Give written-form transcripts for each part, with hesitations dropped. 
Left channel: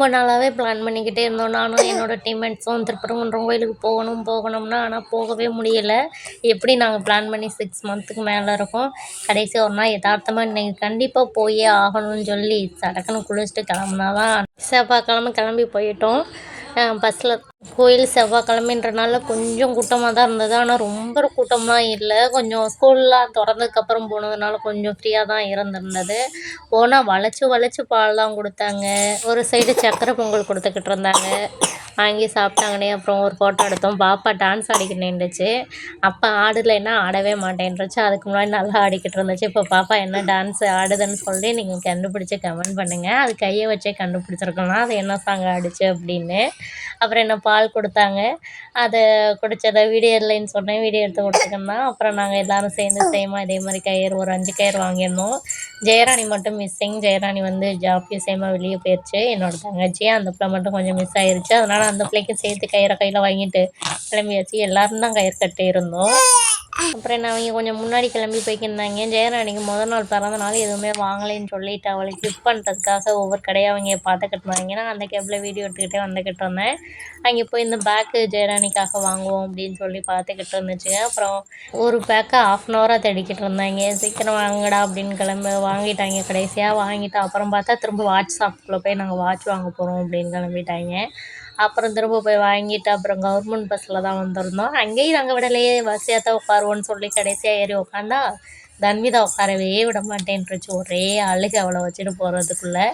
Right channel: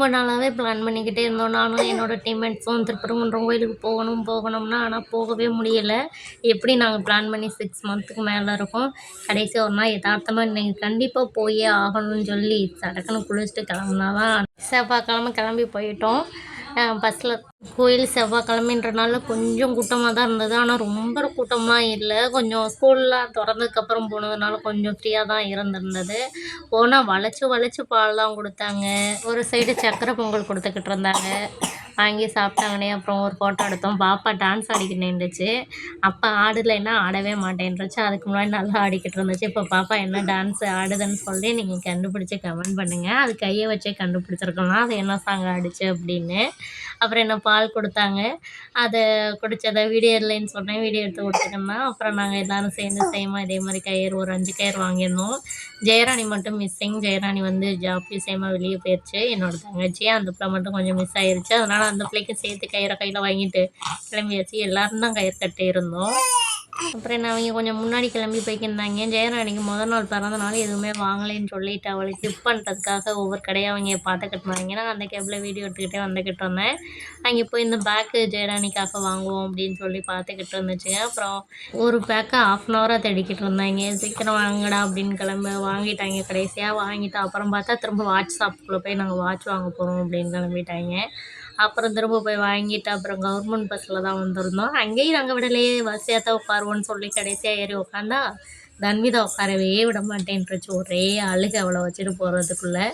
ரொம்ப நாளாகவே பிளான் பண்ணிக்கிட்டே இருந்தோம். நானும் என்னோட டீம்மேட்ஸும் திருப்பரங்குன்றம் கோயிலுக்கு போகணும்னா ஆனால் போகவே முடியலை. எப்படி நாங்கள் பிளான் பண்ணி 6 மந்த்துக்கு மேலே இருக்கும். கடைசி ஒரு நாள் யதார்த்தமாக இன்றைக்கி கண்டிப்பாக போயே ஆகணும்னு சொல்லி சடக்குன்னு குளிச்சுட்டு கிளம்புனா தான் செவ்வாய்க்கிழமை கிளம்பி போயிட்டோம். பஸ்ஸில் கோயில் செவ்வாய்க்கிழமைன்றனால கொஞ்சம் கூட்டமாக தான் இருந்தது. ஆனால் ரொம்ப கூட்டமாக இல்லை. கொஞ்சம் ஸ்கூல்லாம் திறந்ததுக்கப்புறம் போனதுனால கொஞ்சம் ஃப்ரீயாக தான் இருந்திருந்தது. போனால் வளைச்சி பால்லாம் கொடுத்தாங்க. ஒரு சைடு சக்கரை பொங்கல் கொடுத்துக்கிட்டு இருந்தாங்க. வாங்கி சாப்பிட்டாங்கன்னே. அப்புறம் ஒரு ஃபோட்டோ எடுத்தோம். பாப்பா டான்ஸ் ஆடிக்கிட்டு நின்றுச்சு. அப்போ ஆடலைன்னா ஆடவே மாட்டேன்ருச்சு. அதுக்கு முன்னாடி நல்லா ஆடிக்கிட்டு இருந்துச்சு. இப்போ பாப்பா என்ன டான்ஸ் ஆடுதுன்னு சொல்லி நீங்கள் கண்டுபிடிச்சி கமெண்ட் பண்ணுங்கள். அது கையை வச்சே கண்டுபிடிச்சிருக்கலாம் அது என்ன சாங் ஆடிச்சு அப்படின்னு. அப்புறம் என்ன பால் கொடுத்தாங்க. அதை குடித்ததை வீடியோ இல்லைன்னு சொன்னேன். வீடியோ எடுத்து கொடுத்துருந்தேன். அப்புறம் நாங்கள் எல்லோரும் சேர்ந்து சேமாக இதே மாதிரி கயிறு ஒரு 5 கயிறு வாங்கியிருந்தோம். ஜெயராணி மட்டும் மிஸ்ஸிங். ஜெயராணி ஜாப் விஷயமாக வெளியே போயிடுச்சு. என்னோடய தங்கச்சி அந்த பிள்ளை மட்டும் கொஞ்சம் மிஸ் ஆகிருச்சு. அதனால் அந்த பிள்ளைக்கும் சேர்த்து கயிறை கையில் வாங்கிட்டு கிளம்பியாச்சு. எல்லோரும் தான் கயிறு கட்டி இருந்தோம். அப்புறம் என்ன அவங்க கொஞ்சம் முன்னாடி கிளம்பி போய்க்கிருந்தாங்க. ஜெயராணிக்கு முதல் நாள் பிறந்த நாள் எதுவுமே வாங்கலைன்னு சொல்லிட்டு அவளுக்கு கிஃப்ட் பண்ணுறதுக்காக ஒவ்வொரு கடையாக அவங்க பார்த்துக்கிட்டு இருந்தாங்க. நான் அந்த கேப்பில் வீடியோ எடுத்துக்கிட்டே வந்துக்கிட்டு இருந்தேன். அங்கே போய் இந்த பேக்கு ஜெயராணிக்காக வாங்குவோம் அப்படின்னு சொல்லி பார்த்துக்கிட்டு இருந்துச்சுங்க. அப்புறம் ஒரு பேக்கை 1/2 hour தேடிக்கிட்டு இருந்தாங்க. சீக்கிரம் வாங்கடா அப்படின்னு வாங்கிட்டாங்க. கடைசியாக வாங்கிட்டு அப்புறம் பார்த்தா திரும்ப வாட்ச் ஷாப்புக்குள்ளே போய் நாங்கள் வாட்ச் வாங்க போகிறோம் அப்படின்னு கிளம்பிட்டாங்க. அப்புறம் திரும்ப போய் வாங்கிட்டு அப்புறம் கவர்மெண்ட் பஸ்ஸில் தான் வந்திருந்தோம். அங்கேயும் நாங்கள் விடலையே, பஸ்ஸியாக தான் உட்காருவோன்னு சொல்லி கடைசியாக ஏறி உட்காந்தா தன்விதா உட்காரவே விட மாட்டேன்ருச்சு. ஒரே அழுகு அவளை வச்சுட்டு போகிறதுக்குள்ளே.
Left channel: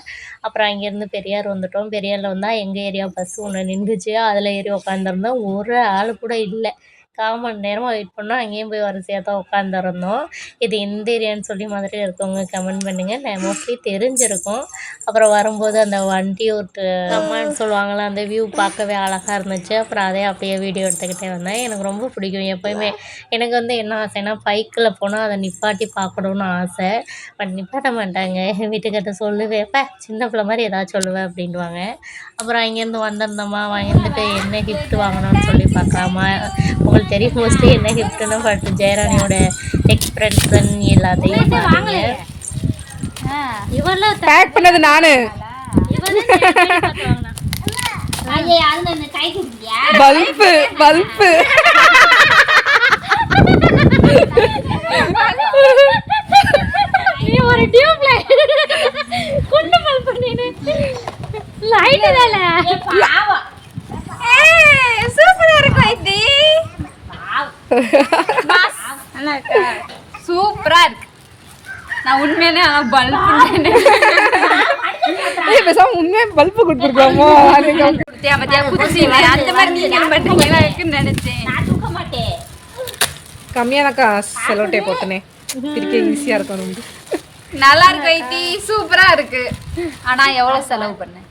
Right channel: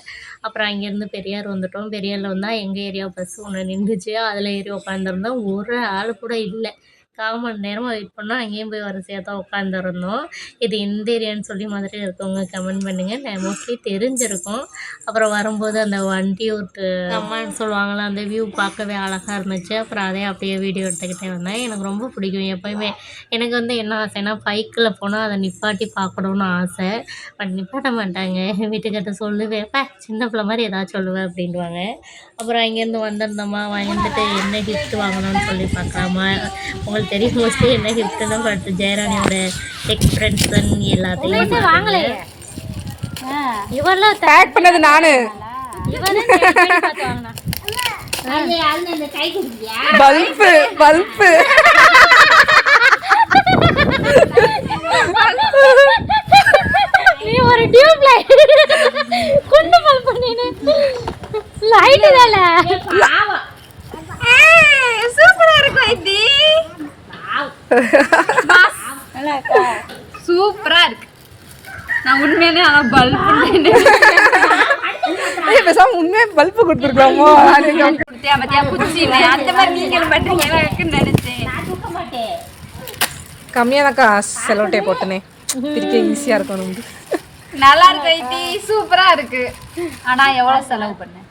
அப்புறம் அங்கேருந்து பெரியார் வந்துவிட்டோம். பெரியாரில் வந்தால் எங்கள் ஏரியா பஸ்ஸு ஒன்று நின்றுச்சு. அதில் ஏறி உட்காந்துருந்தோம். ஒரு ஆள் கூட இல்லை. 1/4 மணி நேரமாக வெயிட் பண்ணோம். அங்கேயும் போய் வரிசையாக தான் உட்காந்துருந்தோம். இது எந்த ஏரியான்னு சொல்லி மாதிரி இருக்கவங்க கமெண்ட் பண்ணுங்கள். நான் மோஸ்ட்லி தெரிஞ்சிருக்கும். அப்புறம் வரும்போது அந்த வண்டி ஒரு அம்மான்னு சொல்லுவாங்களா, அந்த வியூ பார்க்கவே அழகாக இருந்துச்சு. அப்புறம் அதே அப்படியே வீடியோ எடுத்துக்கிட்டே வந்தேன். எனக்கு ரொம்ப பிடிக்கும் எப்போயுமே. எனக்கு என்ன ஆசைன்னா பைக்கில் போனால் அதை நிப்பாட்டி பார்க்கணுன்னு ஆசை. பட் நிப்பாட்ட மாட்டாங்க. வீட்டுக்கிட்ட சொல்லுவேன், சின்ன பிள்ளை மாதிரி ஏதாச்சும் சொல்லுவேன் அப்படின்வாங்க. அப்புறம் அங்கேருந்து வந்திருந்தோமா, வந்துட்டு என்ன கிஃப்ட் வாங்கணும்னு சொல்லி பார்க்கலாமா. உங்களுக்கு தெரியும் மோஸ்ட்லி என்ன கிஃப்ட்டுன்னு. பட் ஜெயராணியோட எக்ஸ்பிரஷன் எல்லாத்தையும் வாங்கலை. இவெல்லாம் பேக் பண்ணது நானு. பல்பு பல்பு நீ ஒரு டியூப் லைட் குண்டு பல்பு நீனு லைட் தால பாவம். சூப்பரா இருக்கு இது. நல்லா இருக்கா? சூப்பரா இருக்கு. நான் உண்மையிலே பல்பு உண்மையா பல்பு கொடுத்துருக்கோமோ கம்மியாதாக்கா செலோ டேப் போட்டனே பிரிக்க ஈஸியா இருக்கும். நல்லா இருக்கு. சூப்பரா இருக்கு. ஆனா எவ்வளவு செலவு பண்ண?